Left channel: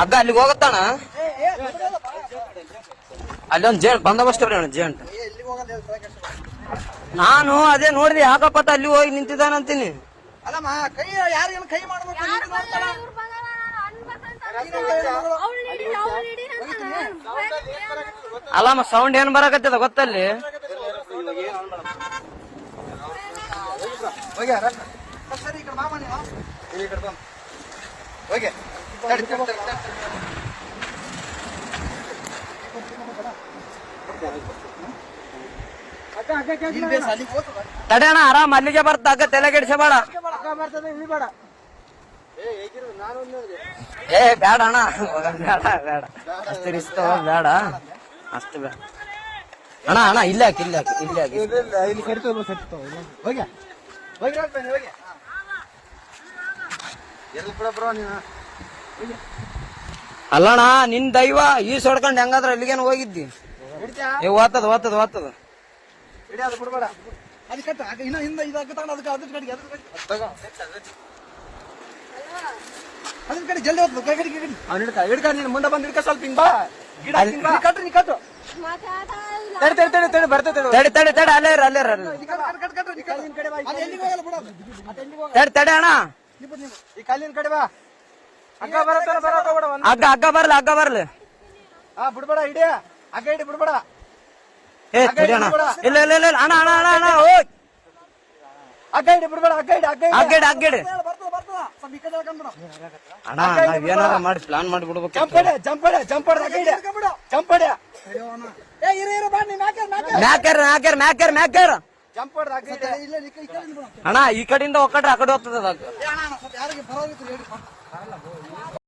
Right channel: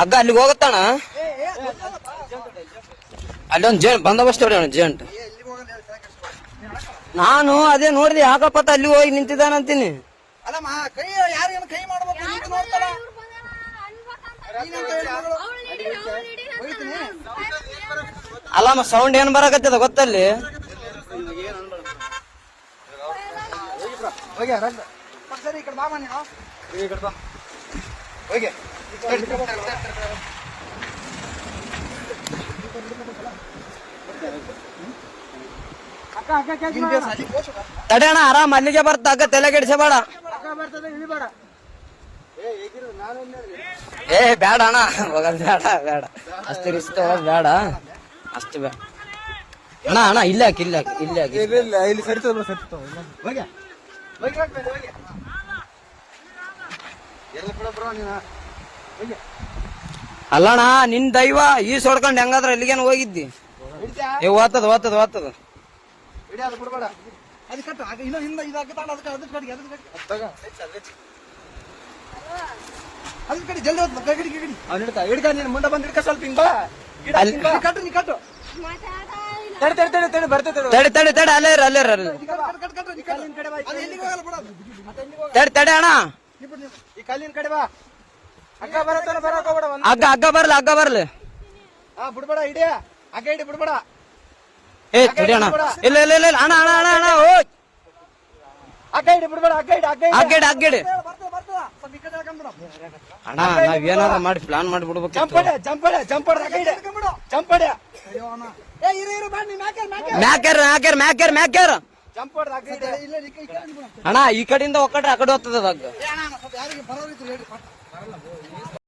ಅಗ್ಗ ಅಲ್ಲಿಗೆ ಹೋಗತ್ತಾನ. ಅಲ್ಲೊಂದ್ ಬಂದೋಬಸ್ತ್ ಹೊಡ್ಯಾಣ ಜೇಂಟ್. ನಾನು ಅದೇ ನೋಡಿದೆ ಯಾಕಪ್ಪತ್ತ ಅಲ್ಲಿ ಹೋಗಿ ನಿಂತಿದ್ದಾನಂತೀನಿ. ಅಲ್ಲಮ್ಮ ಸೌಂಡ್ ಏನ್ ಬರಕತ್ತದ ಗೊತ್ತಲ್ಲಿ. ತಡೆಯಣ ಆರಾಮ್ ಅಲ್ಲಿಗೆ ಬರ್ತ ಅಕ್ಕ ತಲೆ ಕೆಡಿಸಬೇಡ. ಏ ಬೇಡ ಅಣ್ಣ ಬೇಡ ಬೇಡ ಅಷ್ಟು ರಿಸ್ಕ್ ಬೇಡ ಅಷ್ಟು ಬೇಡ ಅಣ್ಣ. ಅಣ್ಣ ಇಲ್ಲ ಇಲ್ಲ ಇಲ್ಲ ಇಲ್ಲಿ ಅಲ್ಲಣ್ಣ ನಿನ್ ದೈವ ಈ ಸೊಡ್ಕೊಂಡ್ ಹೆಂಗಾದ್ರ ಅಲ್ಲಿಗೇನು ಹೋಗಿದ್ದಿ. ಏ ಓದ್ತದ ಓದ್ತದ ಓದ್ತದ ಜಲ್ದಿ ಮುಂದೆ ಬಂದ್ ಹಿಡ್ಕ ಸ್ವಲ್ಪ ಹಿಂಗ್ ಬಾ. ತಡೆ ತಡೆ ತಡೆ ಅಲ್ಲೇ ಅಲ್ಲೇ ತಡೆ ತಡೆ ಅಣ್ಣ. ಈ ಕಲ್ಲಿನ ಕಡೆ ಬಾ. ಅಗ್ಗ ಬರತ್ತಾನ ಬರಕ್ ಹೋಗ್ಬೇಡ. ಅಗ್ಗ ಅಗ್ಗ ಬರ್ಲಿ ಅಗ್ಗ ಬರ್ಲಿ. ಬಿಡ್ಬೇಡ ಇಡಿ ಅಗ್ಗ ಇಡಿ ಬಿಡ್ಬೇಡ. ಏ ತಡಿ ಅಣ್ಣ. ಇಲ್ಲ ಇಲ್ಲ ಇಲ್ಲ ಅಣ್ಣ ಅಣ್ಣ ಅಣ್ಣ ಅಣ್ಣ ಅಗ್ಗ ಇಡಿ ಬಿಡ್ಬೇಡ. ಅಗ್ಗ ಇಡಿ ಅಗ್ಗ ಇಡಿ ಅಗ್ಗ ಇಡಿ ಅಗ್ಗ ಇಡಿ ಅಣ್ಣ. ನಾವ್ ಏನಾರ ಮಾಡಿ ಪ್ಲಾನ್ ಮಾಡಿಬಿಡ್ಬೇಕು. ಜಂಪಡೆ ಜಂಪಡೆ ಜಂಪಡೆ ಅಗ್ಗ ಇಡಿ ಜಂಪಡೆ. ಮ್ಯಾಕ್ಯಾರ ಮ್ಯಾಕ್ಯಾರ ಮ್ಯಾಕ್ಯಾರ ಮ್ಯಾಕ್ಯಾರ ಜಂಪಡೆ ಅಗ್ಗ ಇಡಿ ಅಣ್ಣ. ಈ ಕಡೆಯಿಂದ ಒಕ್ಕಟ್ರೆ ಆ ಕಡೆ ಹೋಗ್ತದೆ ಅದಾಗ.